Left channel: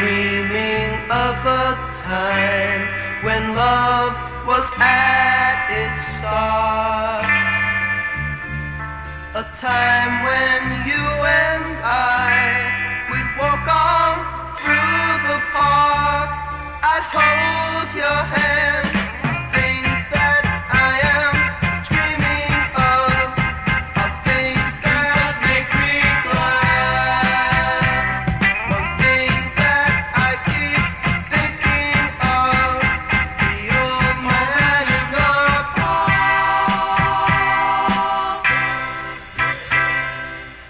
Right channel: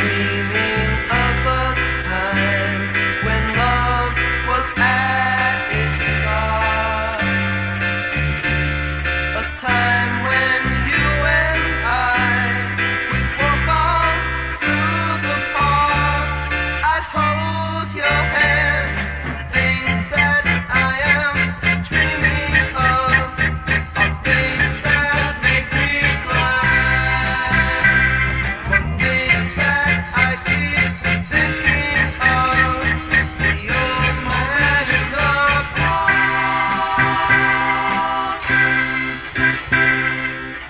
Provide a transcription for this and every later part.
dreaming of a time when love was at its start. A time when you and I would walk on through the park. I'd hold your hand. Things that I am dreaming of are things that make me glad. One thing that I keep thinking of, the old man in the park.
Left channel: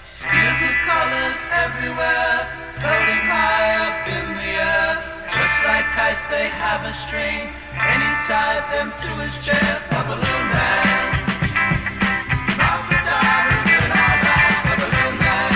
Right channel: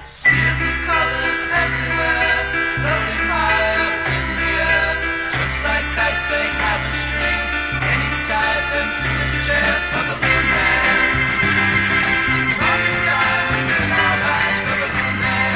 Spheres of colors everywhere, floating high up in the air. Just like kites, they have a string, and he tied them to his chair. The balloon man. Mark the time within our lives, the balloon man.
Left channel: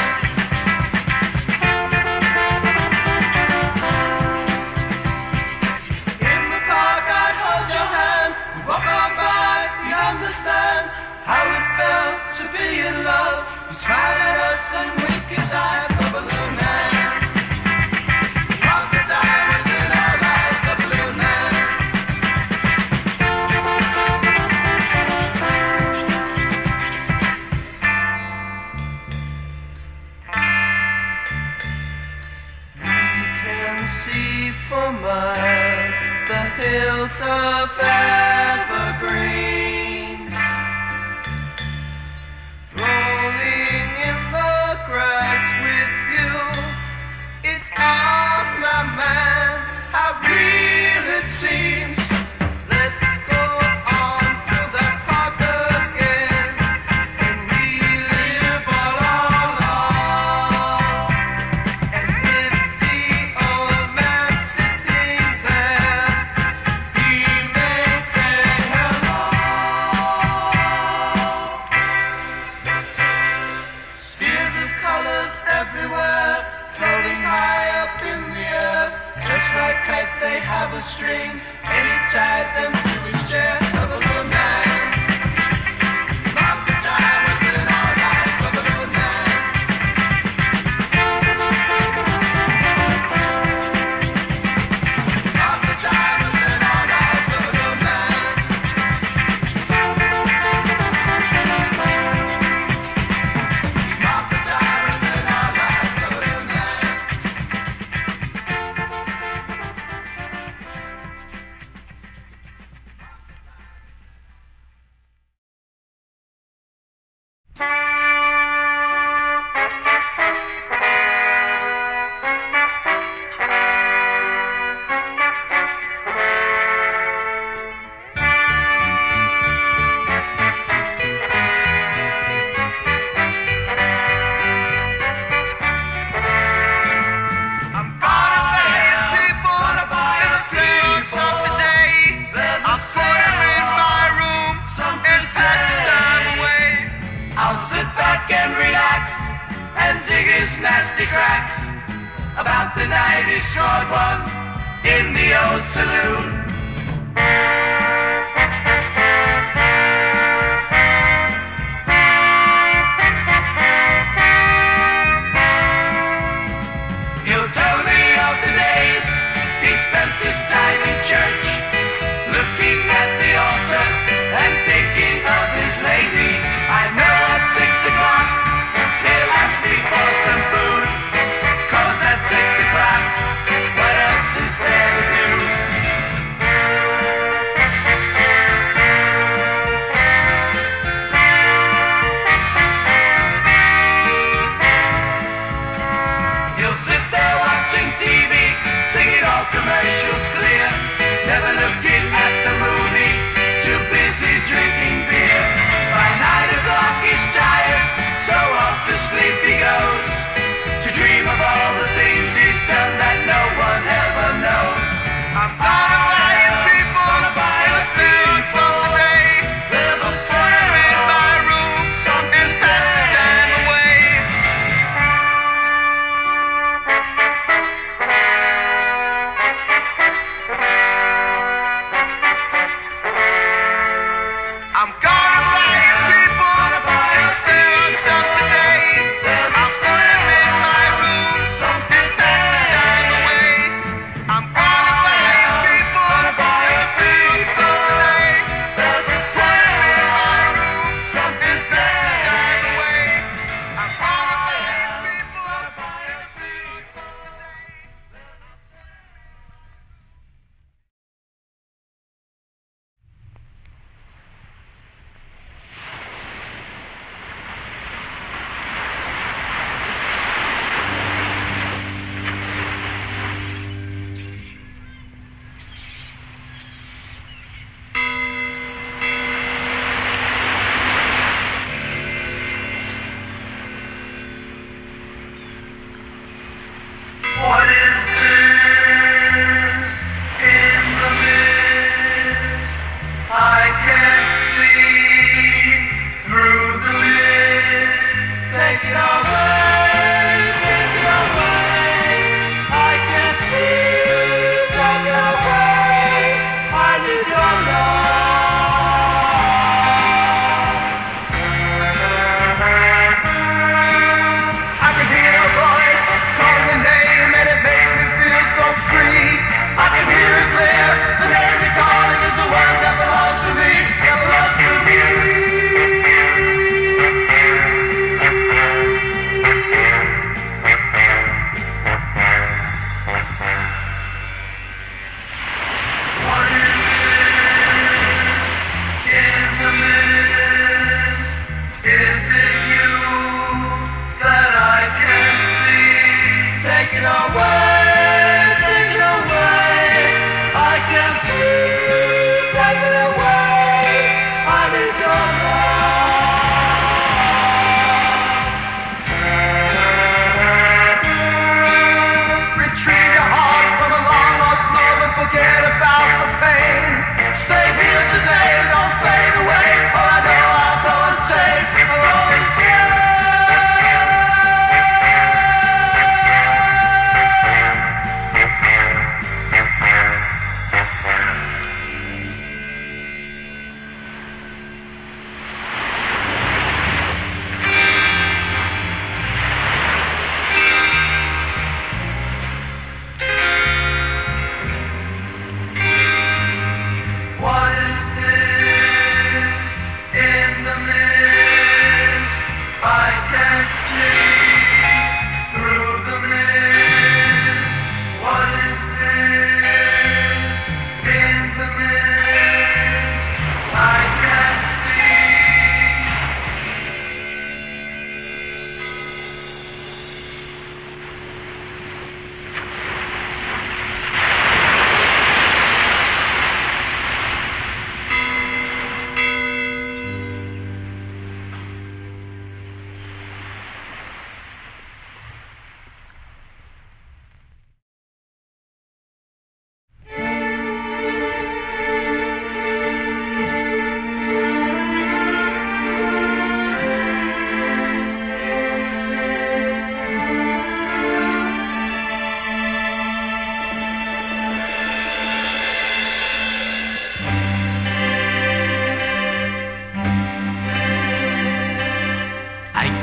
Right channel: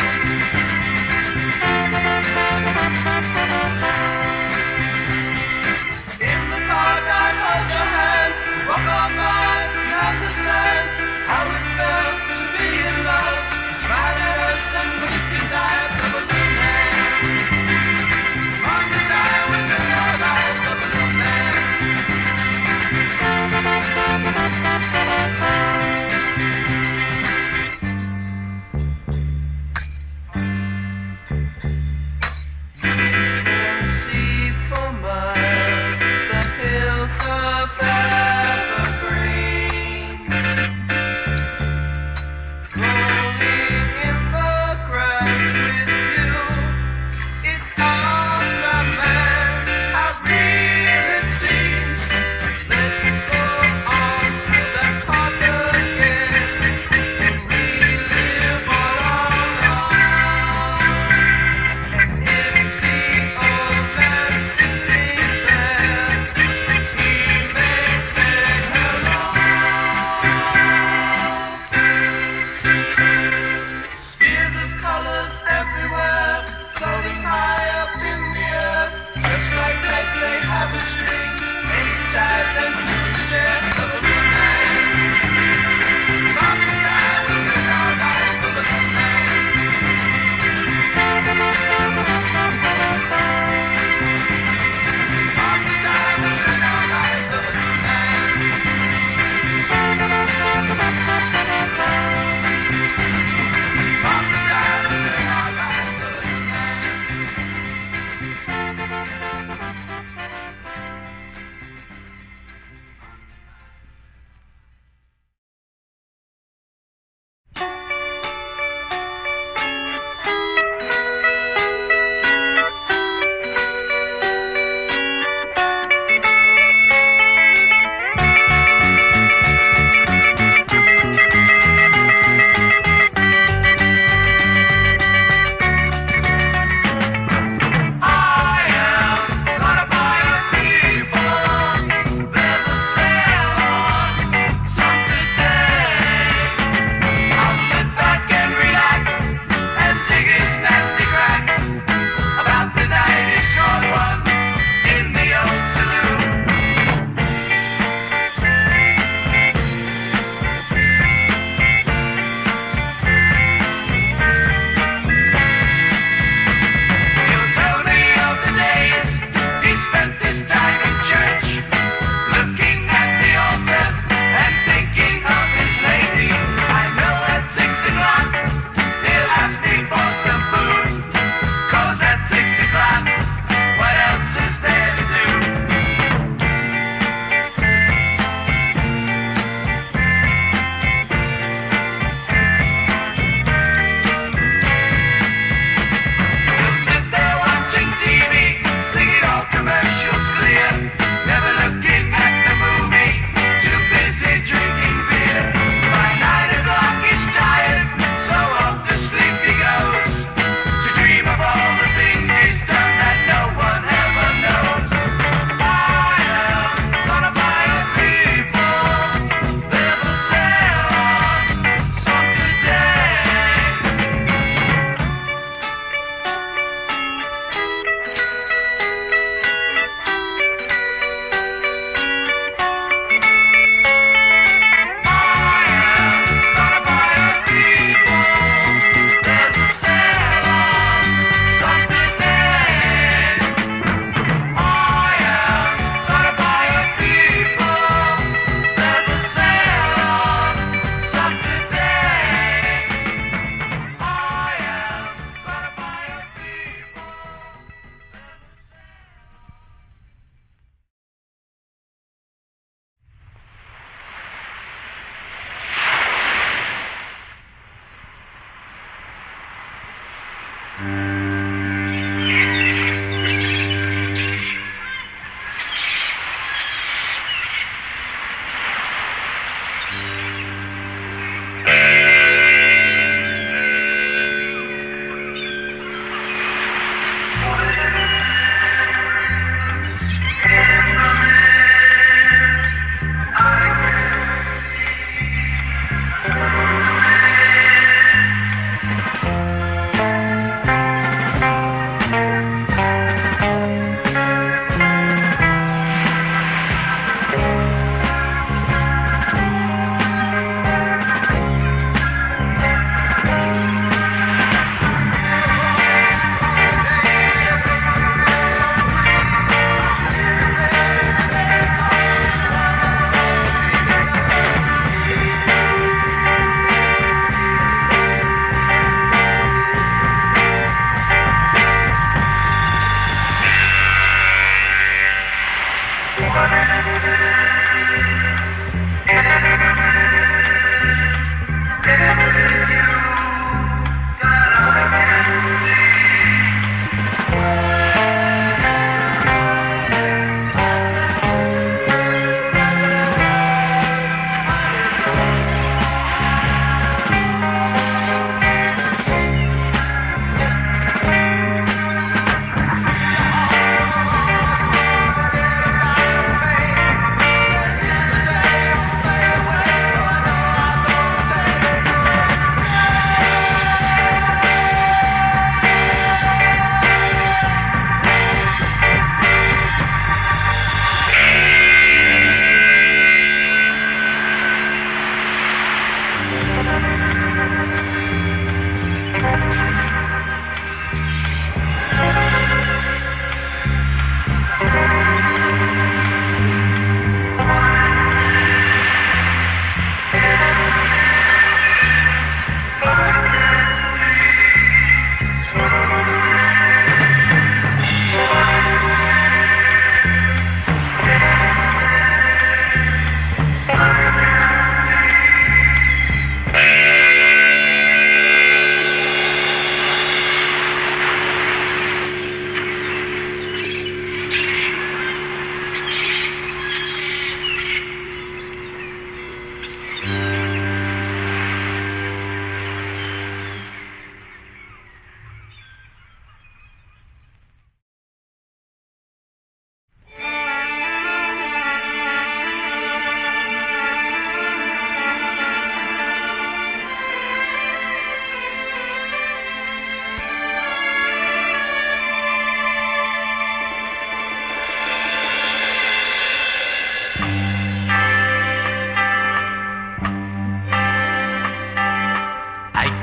In the park, I'd hold your hand. We'd walk on by, you'd understand how it felt to be in love. He'd smile at us and wink his eye, the balloon man. Mark the time within our lives, the balloon man. We can see for miles the hills of evergreens, rolling in the grass with you. It's on my mind, how real it seems. Let's go on through that park again and relive all along. And if the old man's sitting there, he may say hello. Spheres of colors everywhere, floating high up in the air. Just like kites, they have a string, and he tied them to his chair. The balloon man. Mark the time within our lives, the balloon man. Mark the time within our lives, the balloon man. Mark the time within our lives, the balloon man. What else is there to do?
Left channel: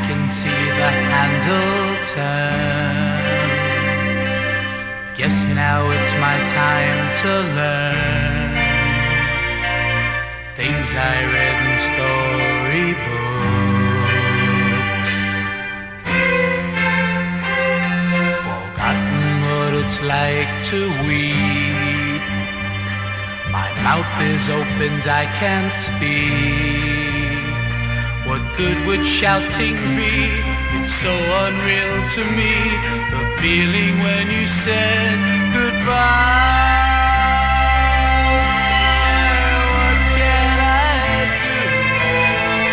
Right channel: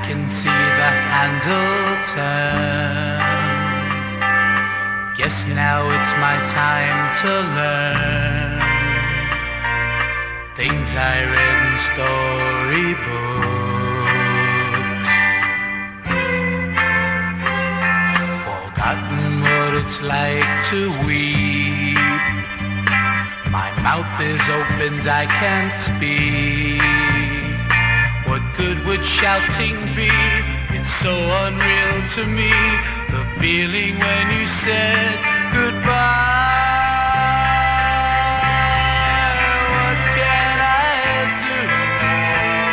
can see the handle turn. Guess now it's my time to learn things I read in storybooks. Forgotten what it's like to weep. My mouth is opened, I can't speak. What good would shouting be? It's so unreal to me, the feeling when you said goodbye. What can I do now?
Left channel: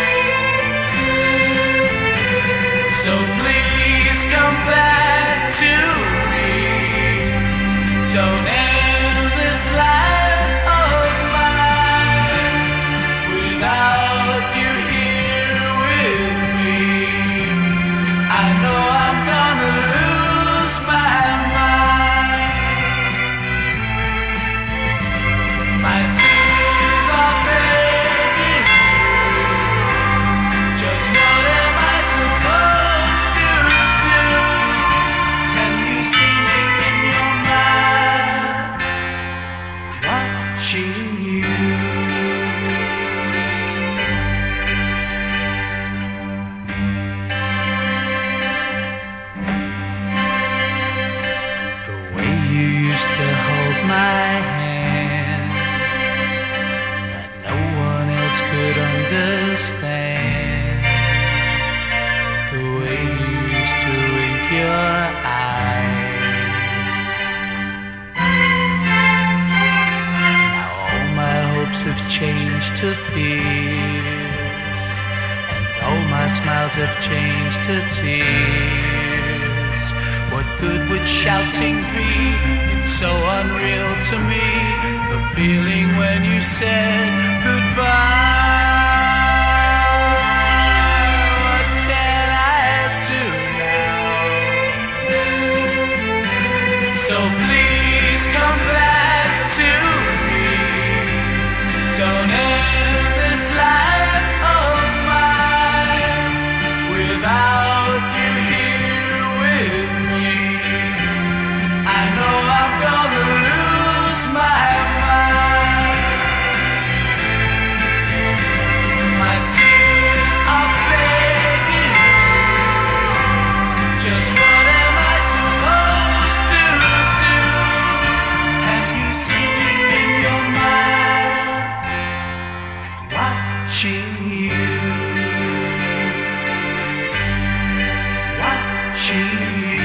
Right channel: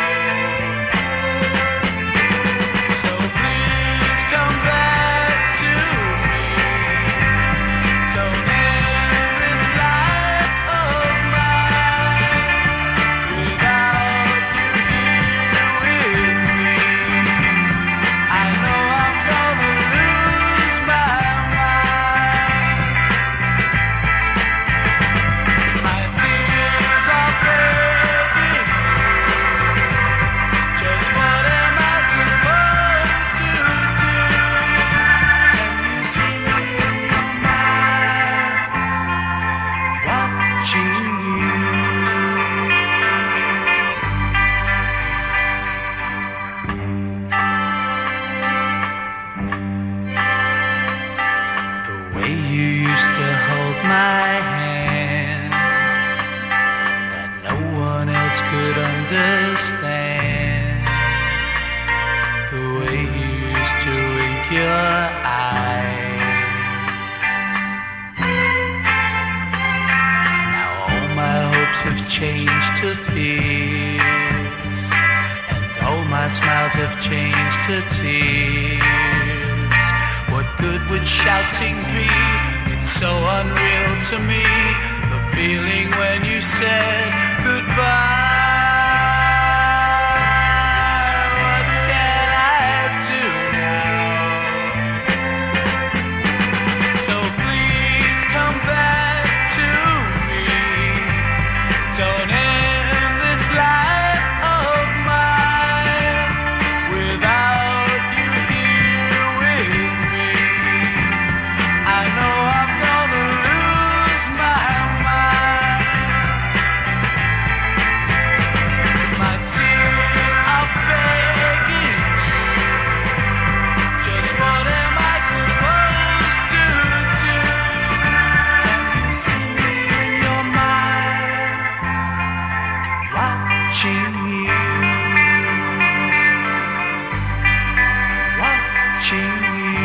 So please come back to me. Don't end this life of mine without you here with me. I know I'm gonna lose my mind. My tears are begging you. Just what am I supposed to do? Can you see me in your mind, watching you? The way you used to hold my hand, that no one else could understand. The way you used to wink your eyes. Now all my hopes have changed to fears, and all my smiles have changed to tears. What good would shouting be? It's so unreal to me, the feeling when you said goodbye. What can I do now? So please come back to me. Don't end this life of mine without you here with me. I know I'm gonna lose my mind. My tears are begging you. Just what am I supposed to do? Can you see me in your mind, watching you, watching you?